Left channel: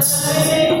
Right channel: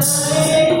Thank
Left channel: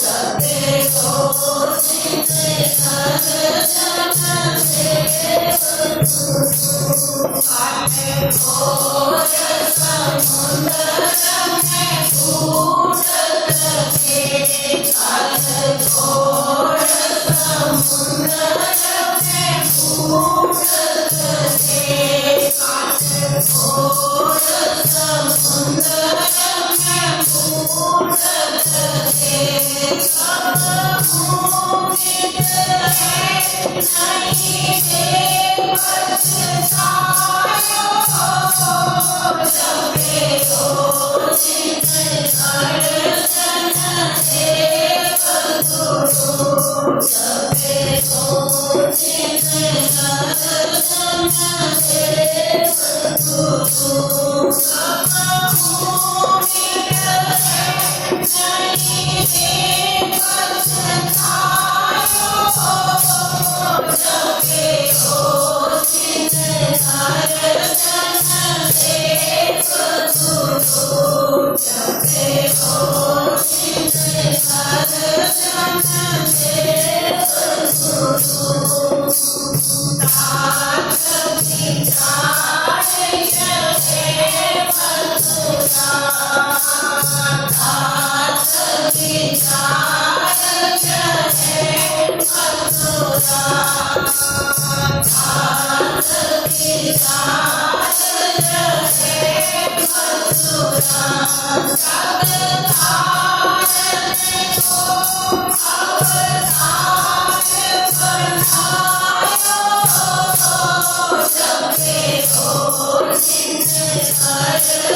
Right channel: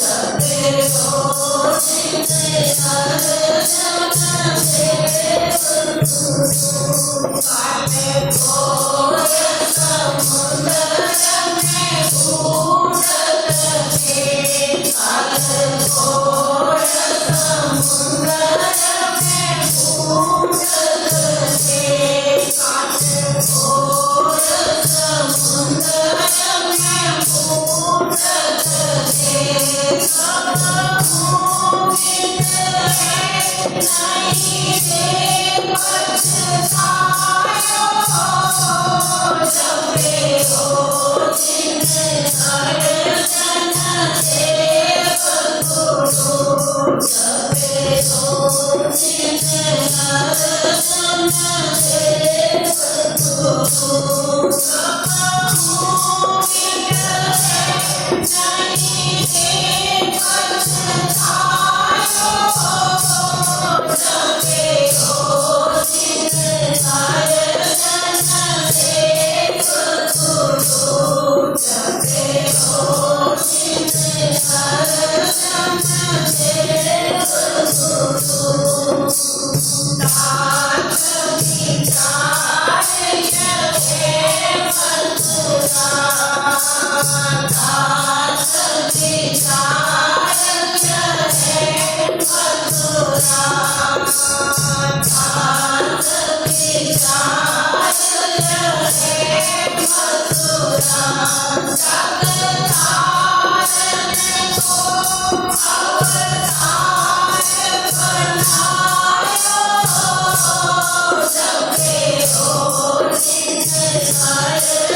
Yes. Thank you. Hare